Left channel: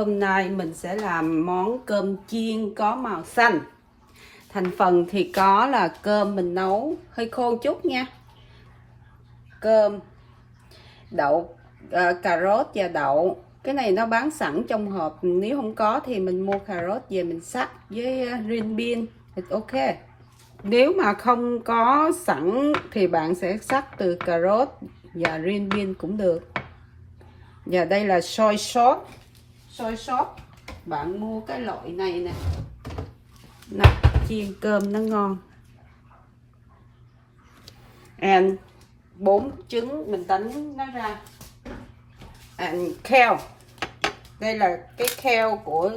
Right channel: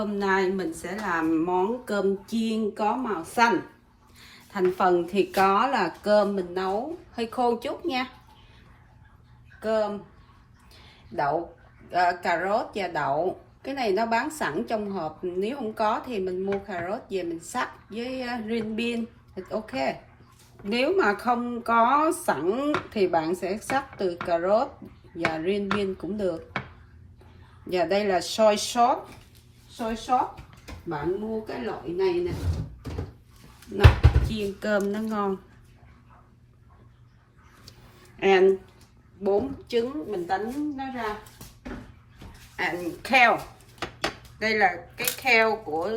hôm nay mình sẽ làm món cơm chiên có màu xanh. Thành phần thì có là cơm mình nấu hơi khô chút nha. Cơm, đậu, cà rốt và đậu. Cái này nó bán sẵn trong hộp, nếu không có thì mình mua cà rốt về mình sắc với green bean thì ok. Nếu mà không có sẵn thì bạn sẽ sắc từ cà rốt và green bean cũng được. Và đây là soy sauce. Soy sauce bạn mua cái loại này nè, nó chiên cơm nó ngon. And 4 trứng mình đánh nó ra. And kale, đây là cái kale của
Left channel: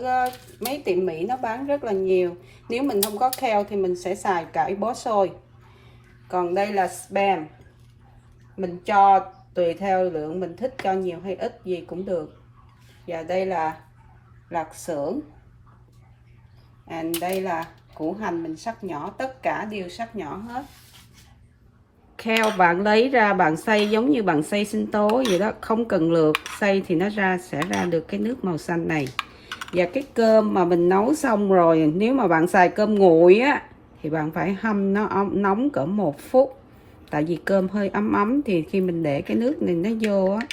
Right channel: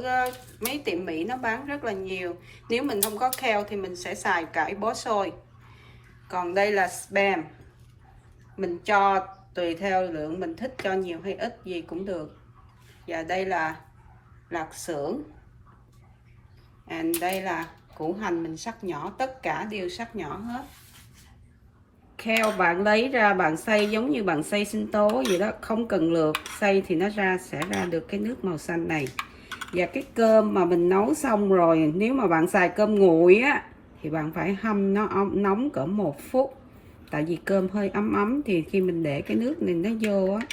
mấy tiệm Mỹ nó bán rất là nhiều. Nếu mình không có kale thì mình sẽ xài cải bó xôi. Còn đây là spam, mình cho tùy theo lượng mình thích, cho nhiều hay ít gì cũng được. Và đây là lạc xưởng. And đây là củ hành mình sắc nhỏ, tất cả đều sắc nhỏ hết. Kale bạn lấy ra bạn xay giống như bạn xay sinh tố vậy đó, không cần lượt, xay thì nó sẽ ra được cái nước màu xanh này. Và cái cơm mà mình nấu xong rồi, nếu mà bạn xài cơm nguội á thì bạn phải hâm nó nóng cỡ 1 phút. Tại vì cơm hơi ấm ấm thì khi mình để cái nước này nó vô á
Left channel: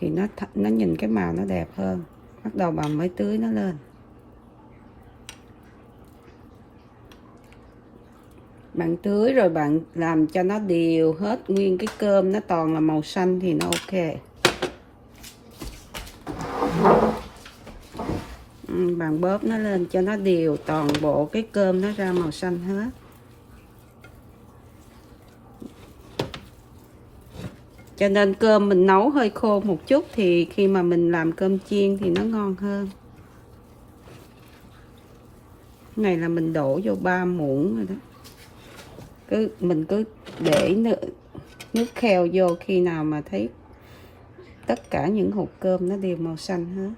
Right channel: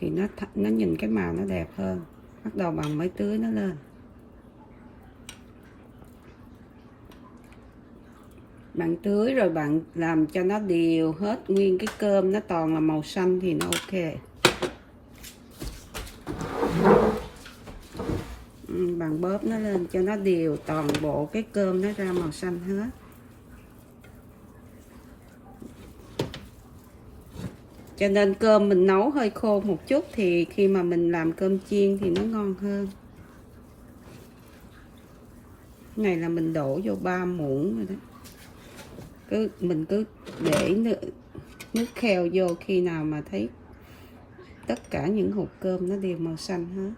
thì nó nhìn cái màu nó đẹp hơn. Bắt đầu bạn mới tưới nó lên. Bạn tưới rồi bạn làm cho nó đều hết nguyên cái cơm, nó toàn là màu xanh thì nó ok. Bạn bóp nó lên cho nó đều toàn bộ cái cơm nó ra màu xanh hết. Cho nên cơm mình nấu hơi khô một chút thì khi mà mình làm cơm chiên thì nó ngon hơn. Cái này là mình đổ vô 3 muỗng rồi đó. Mình cứ để nước keo vô, khi nào mà thấy tất cả những hột cơm nó đều màu xanh hết.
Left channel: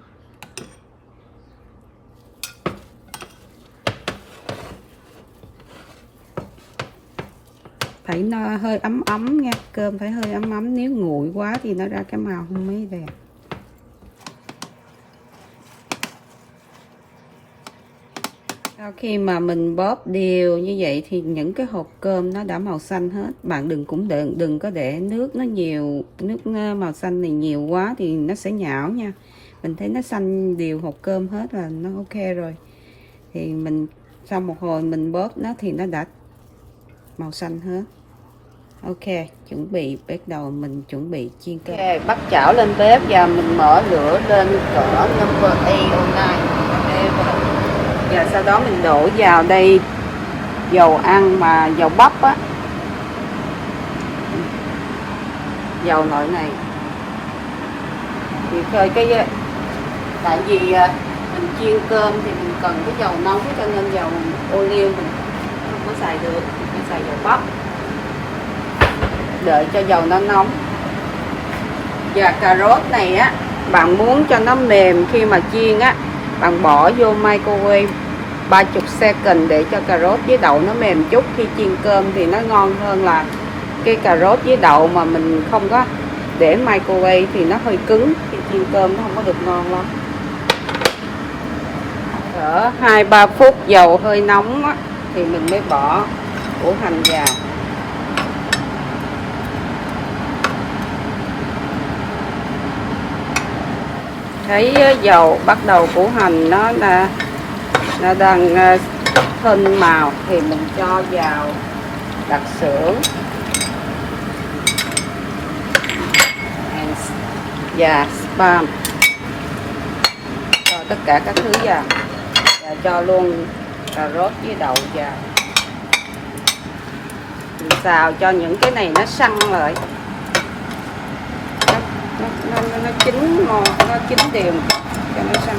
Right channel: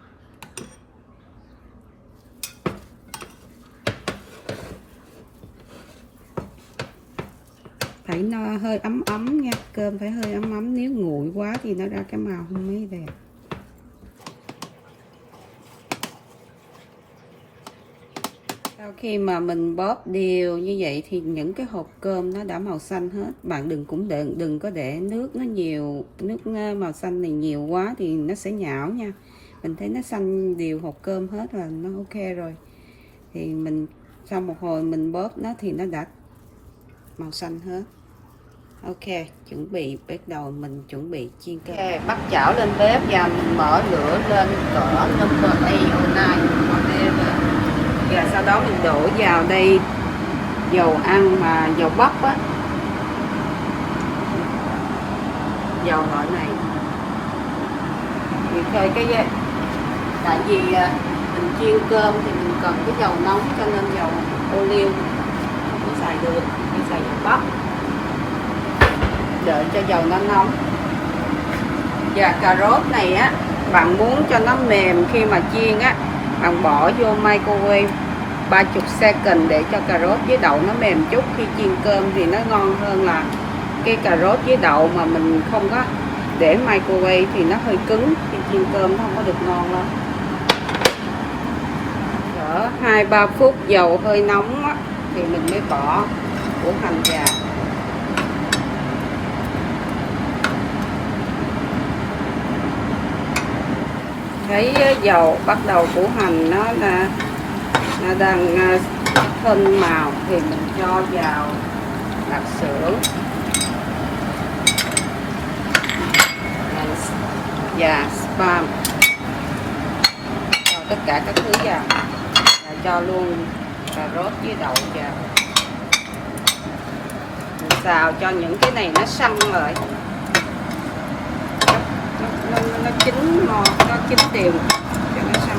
Phải nó hơi ấm ấm nha, cơm phải hơi ấm ấm, nếu nguội quá thì nó ra cái màu không mấy đẹp. Sau khi mà mình bóp đều như vậy thì những cái hộp cơm nó đã màu xanh hết. Bạn đừng có để nước nó nhiều, nước màu xanh này nhiều quá thì nó sẽ nhão nha. Mình thấy nó xanh đều hộp cơm hết là nó ok rồi. Thì mình sau một hồi mình bóp nó thì nó đã màu xanh hết. Ok, chuẩn bị bắt đầu mình chuẩn bị chiên cơm. Ok, bắt chảo lên bếp và mình mở lửa lên cỡ number 8 và sau đó mình đổ vào đây dầu ăn mà dầu bắp á, dầu loại này thì thôi tại vì mình chiên cơm thì mình cần cái dầu nóng, cho nên dầu ô liu không có xài được, mình xài dầu bắp, đợi cho dầu nó nóng. Và cà rốt này á, bạn muốn cho nó mềm khi mà chiên á, bạn bỏ vô microwave 30 second để cho cà rốt với đậu nó mềm chút. Khi chiên cơm thì nó ngon hơn là cái cà rốt với đậu mà mình không có để microwave thì nó hơi cứng, khi chiên cơm nó không có được ngon lắm. Ở 2-3 phút dầu hơi nóng á, thì mình mới bỏ củ hành vào. Thấy dầu bắt đầu củ hành nó đang thân màu thì mình cho vào lạc xưởng và spam, cho tất cả các thứ vào và cho luôn cà rốt với đậu vào. Mình xào cho những cái này nó săn rồi, nó chín đều cho nó săn.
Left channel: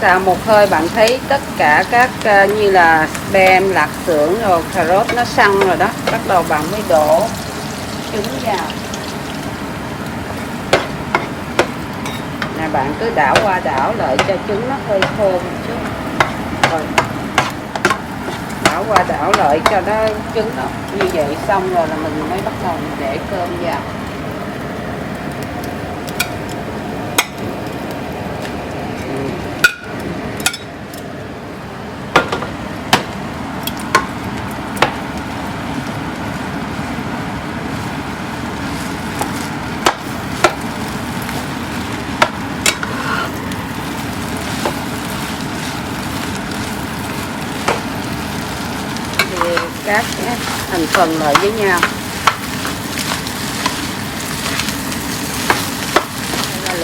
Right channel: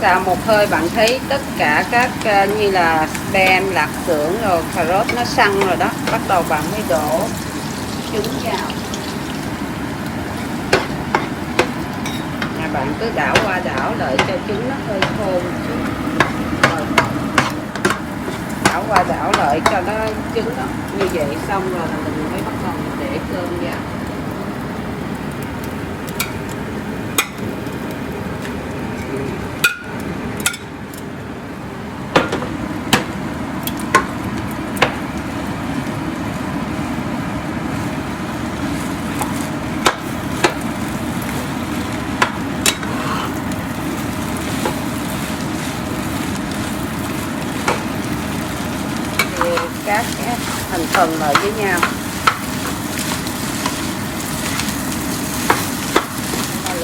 Xào một hơi ơi, bạn thấy tất cả các như là spam, lạc xưởng rồi cà rốt nó săn rồi đó, bắt đầu bạn mới đổ trứng vào. Là bạn cứ đảo qua đảo lại cho trứng nó hơi khô một chút. Rồi đảo qua đảo lại cho nó trứng đó. Như vậy xong rồi là mình mới bắt đầu để cơm vào. Các thành phần lại với nhau.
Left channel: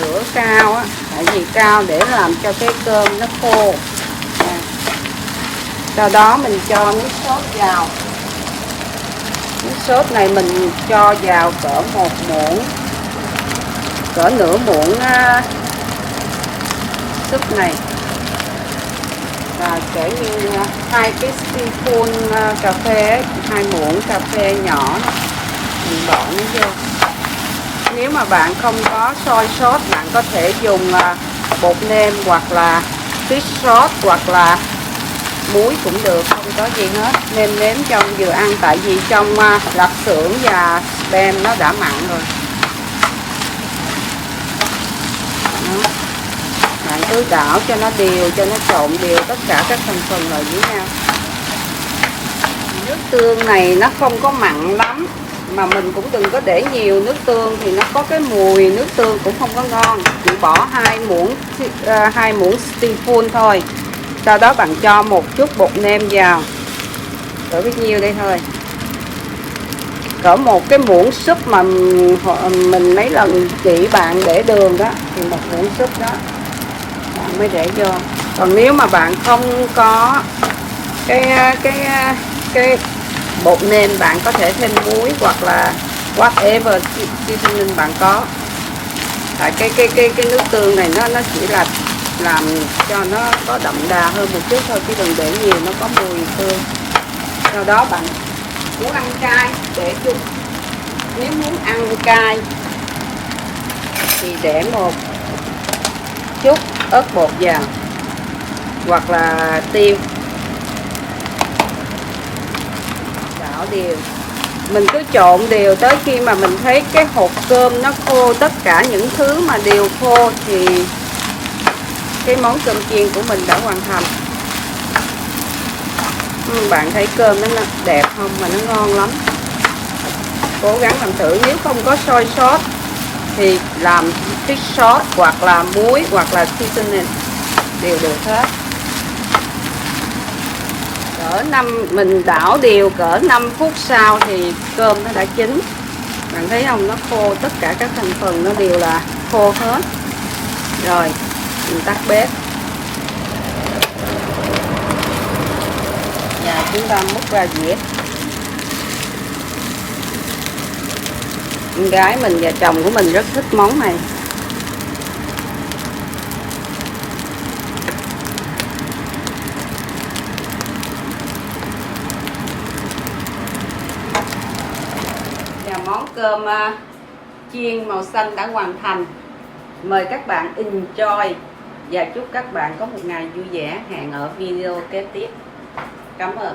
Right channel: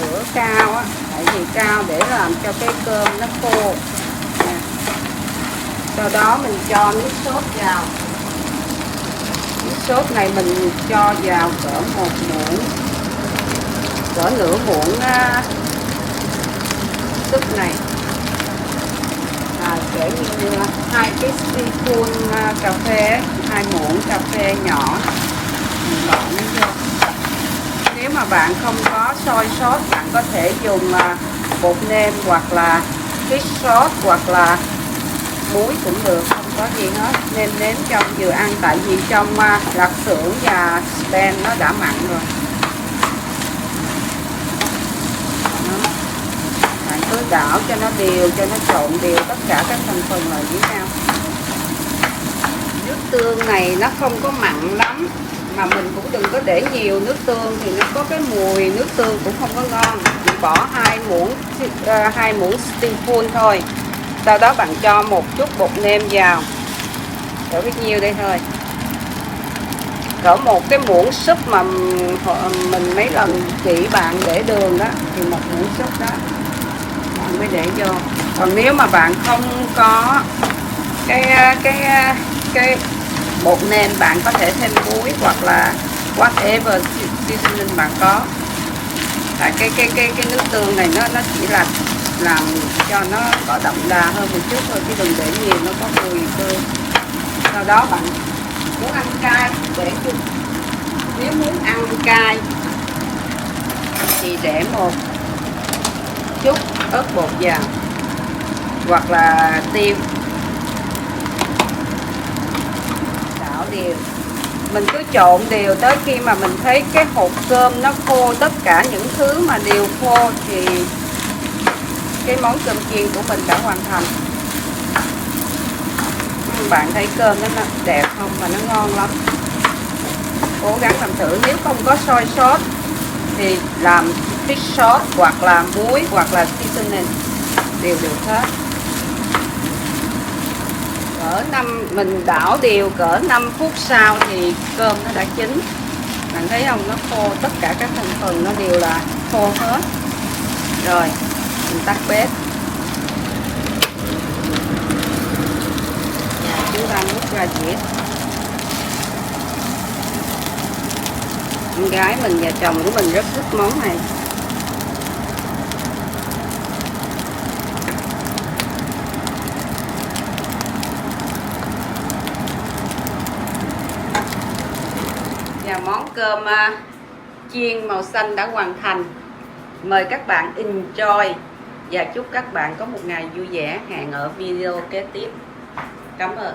Lửa cao á, tại vì cao để làm cho cái cơm nó khô. Sau đó mình cho nước sốt vào. Nước sốt này mình cho vào cỡ 1 muỗng, cỡ nửa muỗng súp này. Kể như 2 cái teaspoon cà phê, 2 muỗng cà phê nhỏ mình bỏ nó vô. Nếu mà bạn không có soy sauce, bạn có thể dùng bột nêm hoặc là fish sauce hoặc là muối cũng được, không có gì hết. Nêm nếm cho vừa ăn, tại vì trong lạc xưởng và spam nó đã mặn rồi. Cứ đảo cho nó đều, cho nó trộn đều tất cả các thành phần lại với nhau. Nước tương này nó không có mặn lắm, mà mình cũng đừng có để nhiều nước tương thì nó có cái mùi nước tương cũng không có ngon. Chỉ bỏ 2 muỗng teaspoon thôi. Sau đó bạn cho một chút bột nêm vào, để biết nhiêu đây thôi. Cỡ một cái muỗng súp mà mình mấy lần chỉ bạn để đường đó thì một muỗng súp đó mới để cho. Còn nếu mà bạn không có cái bột nêm, bạn có thể thêm muối hoặc là whatever seasoning bạn có. Cái nước tương này nó chỉ là làm cho nó có đậm đà hơn một chút thôi, chứ đừng để nhiều nó có mùi hơn. Sau đó bạn muốn ăn cay để chung. Nếu muốn ăn cay thì để một chút ớt bột vào hoặc là tiêu, đảo đều. Mình cứ trộn đều tới khi mà mình thấy cái hột cơm nó khô, tất cả những thứ mà đều khô thì cái món cơm chiên của mình đã hoàn thành. Bạn thấy cơm nó đẹp không và nó ngon lắm. Cố gắng làm thử. Nếu không có soy sauce thì làm fish sauce hoặc là muối hoặc là seasoning đều được hết. Mình đảo đều cỡ 5 phút sau thì cơm nó đã chín. Bạn thấy không, nó khô, tất cả các thành phần nó đều là khô hết. Rồi mình tắt bếp và chúng ta múc ra dĩa. Con gái mình và chồng của mình rất thích món này. Và món cơm chiên màu xanh đã hoàn thành. Mời các bạn enjoy và chúc các bạn có một ngày vui vẻ. Hẹn ở video kế tiếp. Cảm ơn.